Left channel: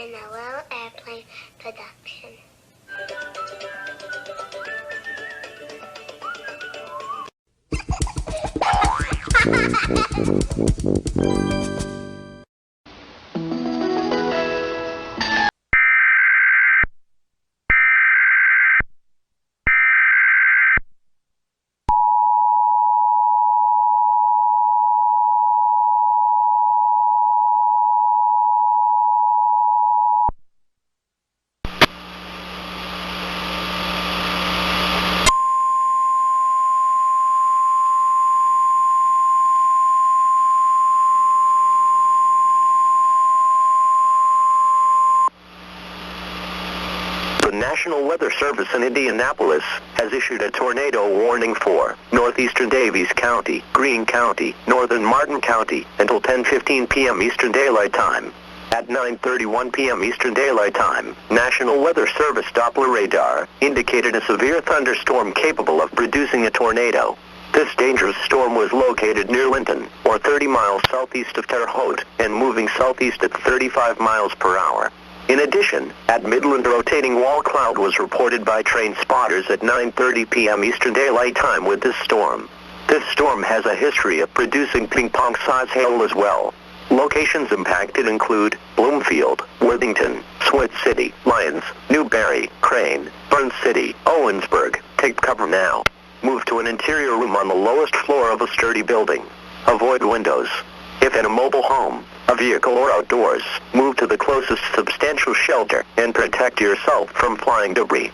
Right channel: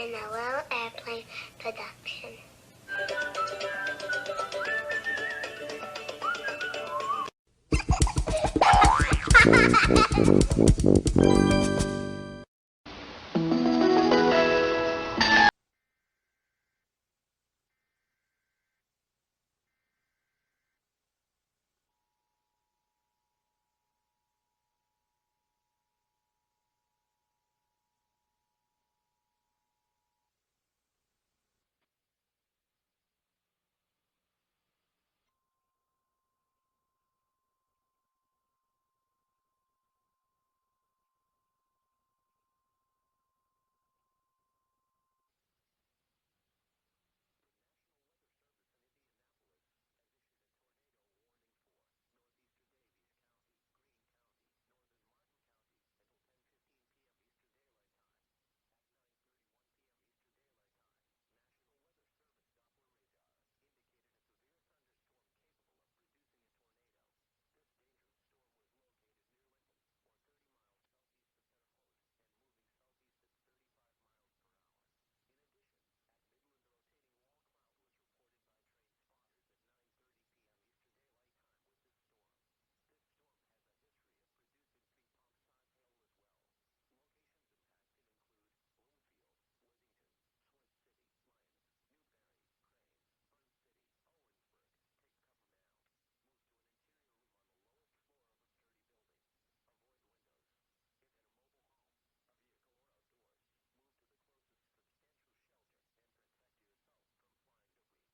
been a little airplane production. The National Weather Service in Indianapolis has issued a tornado warning for northeastern Davies County, Greene County, northern Martin County until 10:15 p.m. Eastern Daylight Time. At 9:31 p.m. Eastern Daylight Time, National Weather Service Doppler radar indicated a severe thunderstorm capable of producing a tornado. This dangerous storm was located near Linton, or 30 miles southeast of Terre Haute, and moving southeast at 35 miles per hour. In addition, at Midland, a rotating wall cloud was reported by train spotters at 9:30 p.m. Eastern Daylight Time with this storm. This storm has a history of producing ping-pong-size hail as well. Locations impacted include Bloomfield, Worthington, Swift City, Lyons, Newberry, Crane, Burns City, Owensburg. Take cover now. Move to an interior room on the lowest floor of a sturdy building. Avoid windows. If in a mobile home, a vehicle, or outdoors, move to the closest substantial shelter and protect yourself from flying debris.